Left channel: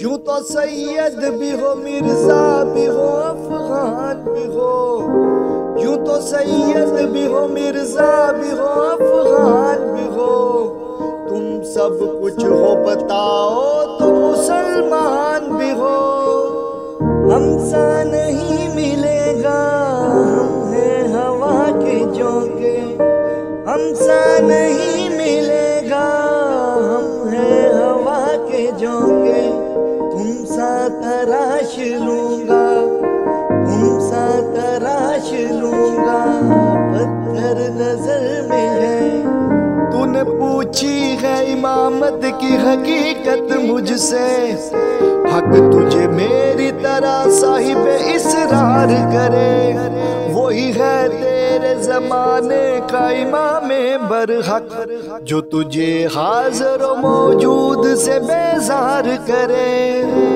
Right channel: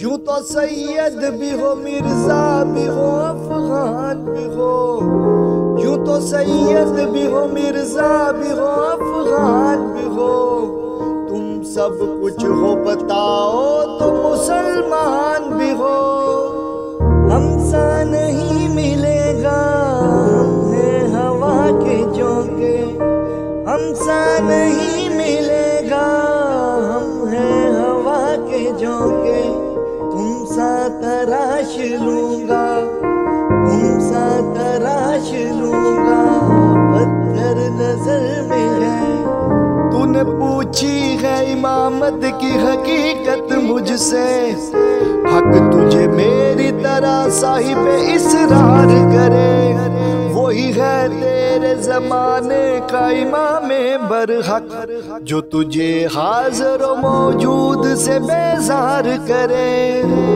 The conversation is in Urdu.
یوں تو سید بھی ہو مرزا بھی ہو افغان بھی ہو، یوں تو سید بھی ہو مرزا بھی ہو افغان بھی ہو، تم سب کچھ ہو بتاؤ تو مسلمان بھی ہو۔ ہم سا نہیں ملے گا ہم ہیں ہوا کے جھونکے، ہم سا نہیں ملے گا ہم ہیں ہوا کے جھونکے، تم سا تراش لوں گا، تم سا تراش لوں گا، پتھر نظر میں ہے۔ تو نے پوچھی ہے امامت کی حقیقت مجھ سے، حق تجھے میری طرح صاحب اسرار کرے، وہی ہے تیرے زمانے کا امام برحق، جو تجھے حاضر و موجود سے بیزار کرے۔